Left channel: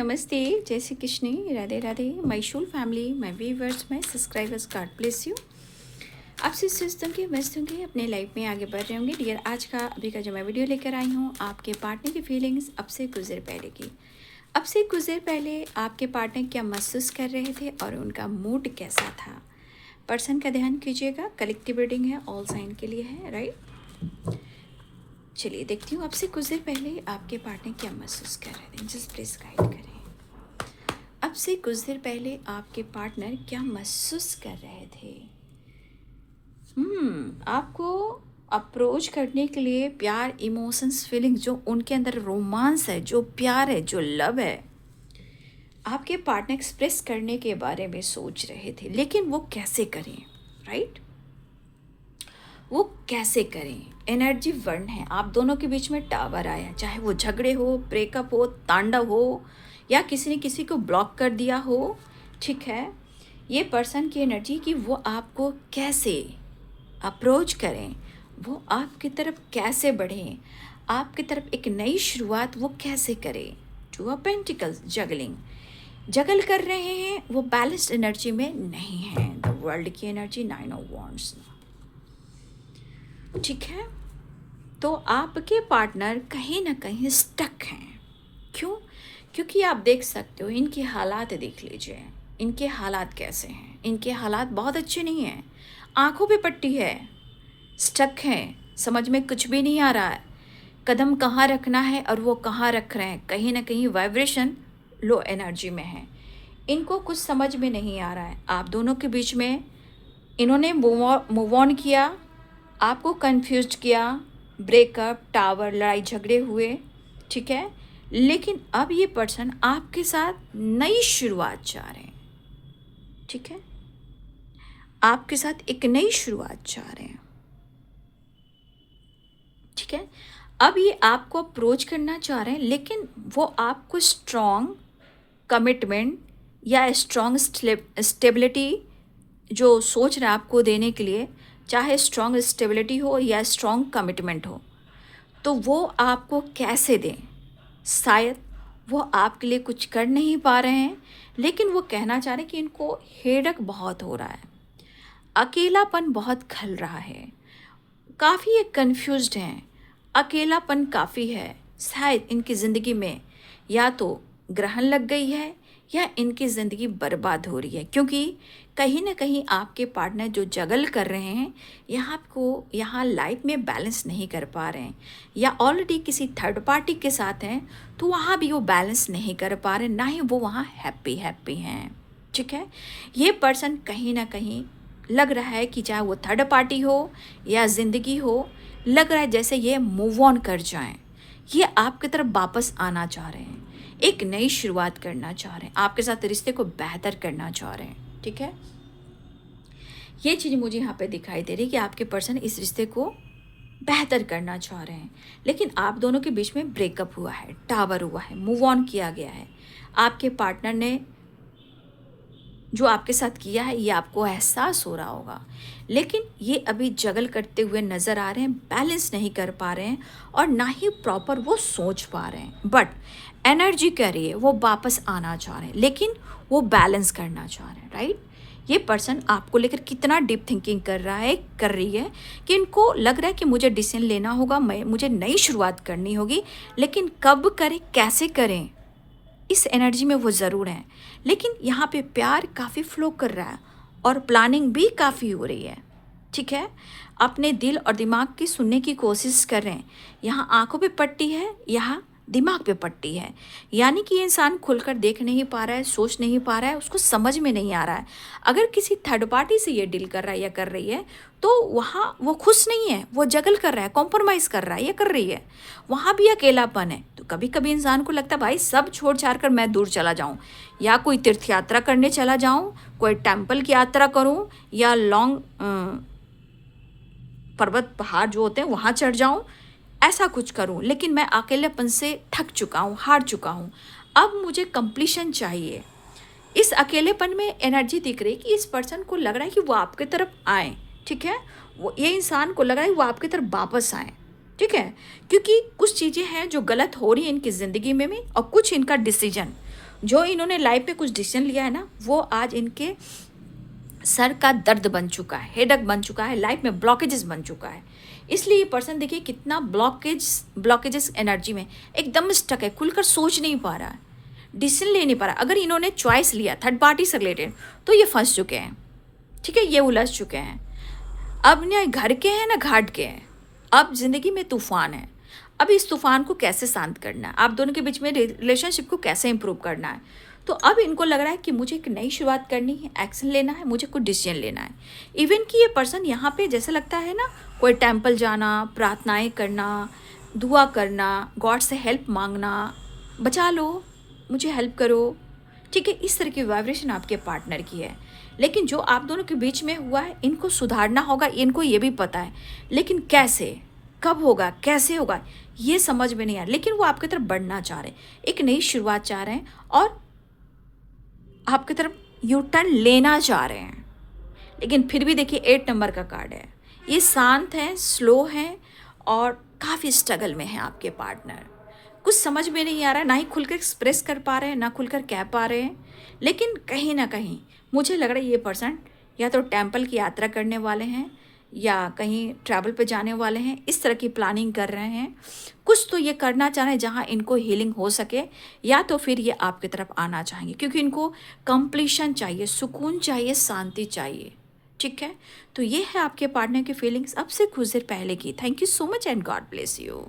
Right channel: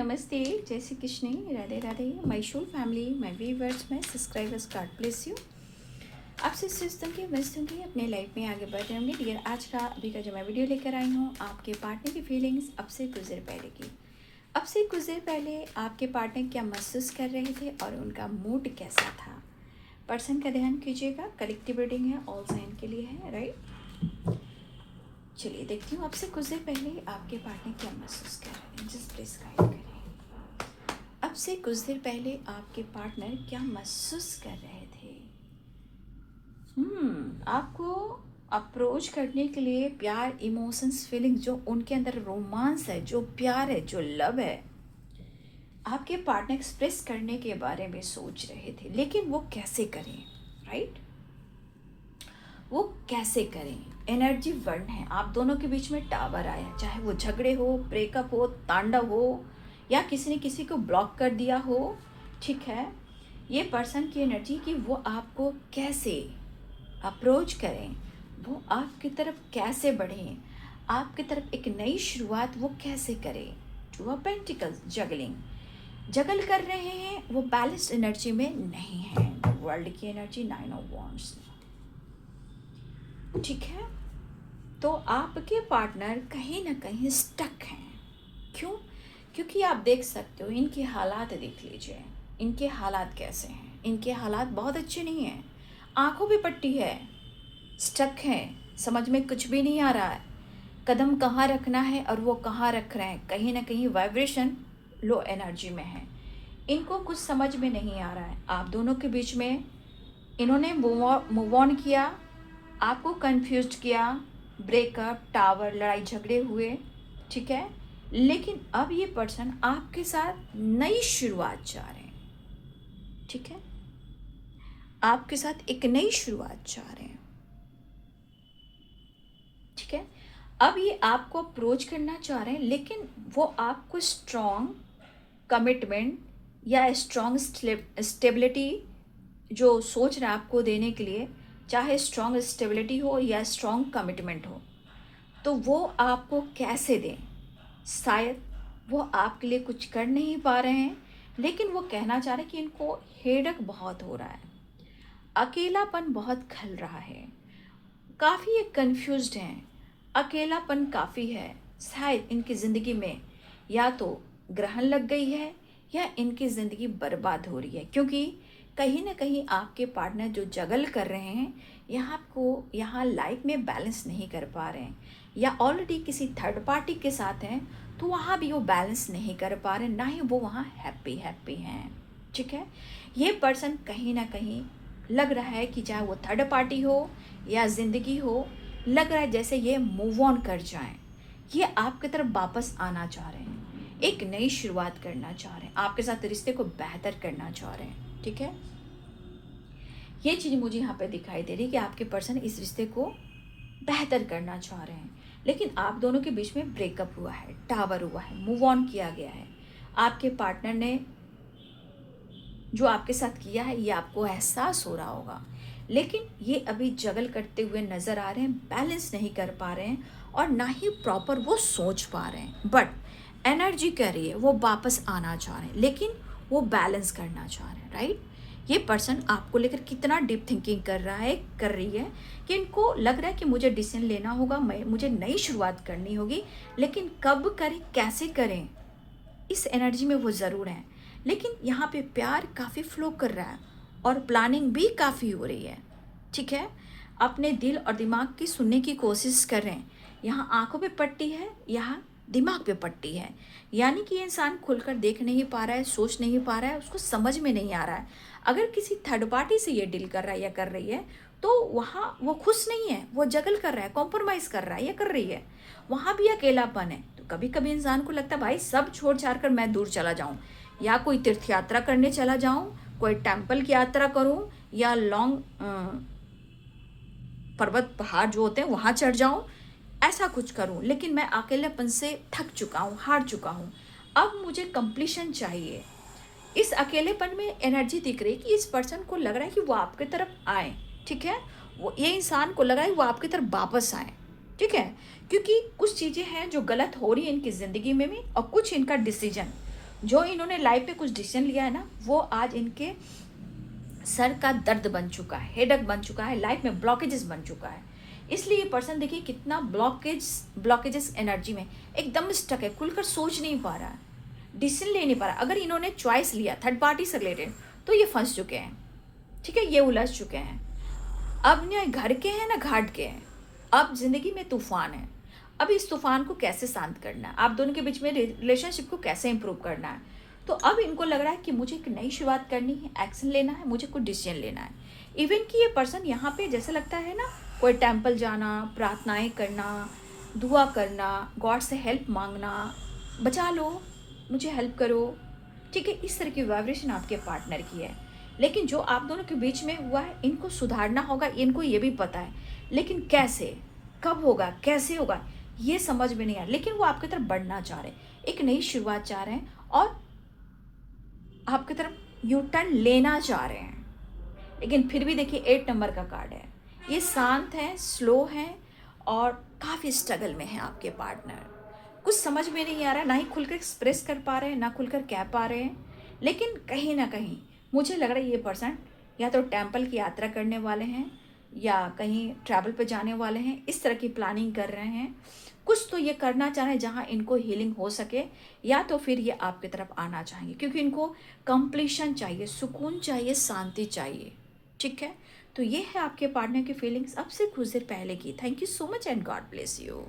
नमस्ते, जय Shri Krishna, Radhe Radhe. My Shool family, my viewers, my subscribers, God bless you. आपसे सोचता हूँ कि मस्त होंगे, अपने लाइफ में आगे बढ़ रहे होंगे। डियर, आज का अभी का जो मैं वीडियो लेकर आई हूँ, आपके पार्टनर की फीलिंग्स अब से कुछ देर पहले की। अब से कुछ देर पहले आपके पार्टनर क्या महसूस कर रहे थे और उनका मूड कैसा था। पर्सन का ध्यान कीजिएगा, कलेक्टिव रीडिंग है, ऑल साइन के लिए है, राइट। चलिए देखती हूँ, अब से कुछ देर पहले आपके पार्टनर क्या महसूस कर रहे थे। जस्ट प्लीज गाइड करें। अब से कुछ देर पहले आपके पार्टनर क्या महसूस कर रहे थे। आपको अप्रोच करने के लिए प्यार, इमोशंस, फीलिंग्स, जो उनके अंदर रोमांस है, जो प्यार है, जो लव है, आपके पार्टनर एक्सप्रेस करने के बारे में सोच रहे थे, लेकिन वो कैसे करें, राइट। वो कैसे करें। एनर्जी वर्ण है, आप दोनों के बीच में टावर आया, चाहे वो झगड़े हो, ब्रेकअप हो, तांडव हो, या किसी ने किसी को ब्लॉक कर दिया हो, ठीक है। ये पर्सन की एनर्जी कि वो आपको कैसे अप्रोच करें, वो आपकी तरफ कैसे बढ़ें, आपकी तरफ एक नई शुरुआत वो कैसे करें। टू ऑफ पेंटिकल्स, जगलिंग, जगल कर रहे हैं, वो बैलेंस्ड एनर्जी में नहीं है। द वर्ल्ड की एनर्जी, 9 ऑफ वॉन्ड्स, ठीक है। तो आपके पार्टनर कहीं ना कहीं स्टक हैं। क्यों? क्योंकि आप देख सकते हो, इनके हालात देख लीजिए, इनके हालात कैसे हैं। इनके हालात बहुत अच्छे नहीं हैं, आंखों पे पट्टी है, स्टक हैं, समझ में कुछ भी नहीं आ रहा है, कदम कहाँ रखना है और वो कहाँ रख रहे हैं। कहीं ना कहीं वाइब्रेशन लो एनर्जी में है, इनको कुछ समझ में नहीं आ रहा है। आप दोनों के बीच में इन्होंने मूव ऑन किया, आपको कंफ्यूज किया, ब्रेकअप, टावर, लड़ाई झगड़े हुए, ठीक है। लेकिन अब ये पर्सन आपके साथ नई शुरुआत चाह रहे हैं, ठीक है। आपके साथ एक नई शुरुआत चाह रहे हैं, ठीक है। अब ये आपको अप्रोच करना चाह रहे हैं, लेकिन वो आपको स्ट्रॉन्ग कमिटमेंट या स्ट्रॉन्ग स्टेबिलिटी जो सोच रहे हैं आपको देने के लिए, चाहे स्ट्रॉन्ग स्टेबिलिटी हो या स्ट्रॉन्ग कमिटमेंट हो, तो वो आपको कैसे दें। शायद वो आपके लिए कुछ कर नहीं पा रहे हैं, लेकिन वो कहना चाह रहे हैं कि इनको हेडक बहुत हो रहा है, अकेलापन बहुत खल रहा है, काफ़ी ये कन्फ्यूज्ड हैं, अकेलापन काफ़ी है। शायद इनकी ज़िंदगी में या तो ग्रहण लग गई है या इनकी ज़िंदगी बर्बाद हो रही है, क्योंकि कहीं ना कहीं आपके पार्टनर जो जगल कर रहे हैं, यहाँ लाइफ में बैलेंस नहीं कर पा रहे हैं, या ऑलरेडी किसी थर्ड पार्टी के साथ हैं, तो वहाँ भी वो बैलेंस नहीं कर पा रहे, ना ही वो वहाँ हैप्पी हैं, ठीक है। ये पर्सन कहीं ना कहीं लग रहा है कि चाहे वो थर्ड पार्टी हो या ज़िंदगी हो, लग रहा है जैसे ये मूव ऑन कर जाएं, ये आपकी तरफ वापस आना चाह रहे हैं, एक नई शुरुआत करना चाह रहे हैं, आपके साथ रिश्ते को बेहतर करना चाह रहे हैं, ठीक है। ये चीज़ मुझे यहाँ पे दिखाई दे रही है कि आपके पर्सन इस रिश्ते को बेहतर करना चाह रहे हैं, लेकिन आप दोनों के बीच में ब्रेकअप हुआ है, टावर हुआ है, मूव ऑन किया गया है। आपके पार्टनर ने जो आपके साथ किया है, ये आपको एहसास हो रहा होगा, लेकिन ये अभी जगल करते हुए नज़र आ रहे हैं, बैलेंस नहीं कर पा रहे हैं और ना ही प्रॉपर वो सोच पा रहे हैं। बट एनर्जी कह रही है वो वापस आना चाह रहे हैं, लेकिन वो बैलेंस करना चाह रहे हैं, राइट। ये पर्सन आपको लेकर कितना डीप थिंकिंग कर रही है कि इनको लग रहा है कि मुझे डिसीजन लेना होगा, मुझे नई शुरुआत करनी होगी, लेकिन कब करें, कैसे करें, इस एनर्जी में वो ज़रूर हैं। लेकिन यहाँ पे प्यार काफ़ी फ्लो कर रहा है और प्लानिंग भी काफ़ी हो रही है, ठीक है। अपने दिल और दिमाग की सुनने की कोशिश कर रहे हैं। यहाँ आंखों पे पट्टी है, यहाँ दिमाग पे पट्टी है, यानी कि ये इंसान खुलकर देख नहीं पा रहा है, सोच नहीं पा रहा है, उसको समझ में नहीं आ रहा है। अगर किसी थर्ड पार्टी से ये डील कर रहा है या कर रही है, तो वहाँ वो खुश नहीं है, वो जगल कर रहा है, कॉम्प्रोमाइज़ कर रहा है या कर रही है, वहाँ भी अकेलापन है। तो कभी कभी इंसान को लगता है भाई सब छोड़ छाड़ कर मैं दूर चला जाऊँ, या कोई तीर्थ यात्रा करने चला जाऊँ, कोई टेम्पल की यात्रा करूँ, या लॉन्ग पर्वत पहाड़ जो होते हैं वहाँ चढ़ जाऊँ, ऐसा कुछ करूं। लेकिन मैं अकेलेपन से थक चुका हूं, हार चुका हूं, अब मुझे कंप्लीशन चाहिए। इस अकेलेपन में एनर्जी दिख रही है कि इस पर्सन को लग रहा है कि वो आपके तरफ आए, ठीक है। वो ये इंसान को लग रहा है वो आपकी तरफ वापस आए, ठीक है, क्योंकि कुछ चीज़ें हैं जो गलत हो रही हैं इनकी ज़िंदगी में भी, और कुछ इनका डिसीजन जो इन्होंने लाइफ में कुछ डिसीजन लिया है ना, वो आज इनके सर का दर्द बन चुका है, हेडेक बन चुका है, लाइफ में ब्लॉकेजेस बन चुका है। इसलिए ये पर्सन देखिए कितना ब्लॉकेजेस एनर्जी में एकदम स्टक है, खुलकर सोच नहीं पा रहा है, डिसीजन ले नहीं पा रहा। अगर इन्होंने चॉइस लिया थर्ड पार्टी से रिलेटेड तो ये फंस चुके हैं, ठीक है, ये उलझ चुके हैं। अब ना घर के हैं ना घाट के हैं, अब जिंदगी में तूफान है। अब इस तूफान को कैसे शांत करना है, आप दोनों के बीच में रिलेशनशिप को कैसे इंप्रूव करना है। तो अब इनको लग रहा है कि मुझे एक नई शुरुआत करनी है, एक्शन लेना है, मुझे कुछ डिसीजन लेना है। इवन कि ये पर्सन यहाँ पे जैसे लगता है ना, कोई टेम्पल जाना, प्रार्थनाएं करना, दुआ करना, गॉड से हेल्प मांगना, बचा लो, मुझे हेल्प करो, ठीक है, इस तरह की वाइब्रेशन आपके पार्टनर की है। लेकिन जो आप दोनों के बीच में हुआ है, इनको सुधारना होगा, इनको ये भी पता है, लेकिन कैसे, कब होगा, कैसे होगा, ये समझ में नहीं आ रहा। लेकिन वो आपकी तरफ बढ़ना चाह रहे हैं, एक नई शुरुआत चाह रहे हैं और आपकी तरफ यू टर्न लेना चाह रहे हैं। लेकिन फिर भी देखिए 8 नंबर का कार्ड है, ये शांत है, स्लो है और काफ़ी स्ट्रगल में है आपके पार्टनर। कुछ समझ में नहीं आ रहा है, ना ही खुलकर एक्सप्रेस कर पा रहे हैं, ना खुलकर कह पा रहे हैं। लेकिन कहीं ना कहीं मुझे लग रहा है ये पर्सन या तो टेम्पल की यात्रा करने वाले हैं या कहीं ट्रैवल पे जाने वाले हैं, इस तरह की प्लानिंग कर रहे हैं। कुछ तो ये करना चाह रहे हैं जहाँ इनको हीलिंग हो सके, या तो फिर ये आपकी तरफ आना चाहेंगे क्योंकि इनको कंप्लीशन चाहिए, सुकून चाहिए, शांति चाहिए, ठीक है। तो ये है आपके पार्टनर की फीलिंग्स अब से कुछ देर पहले की। Thank you so much and God bless you.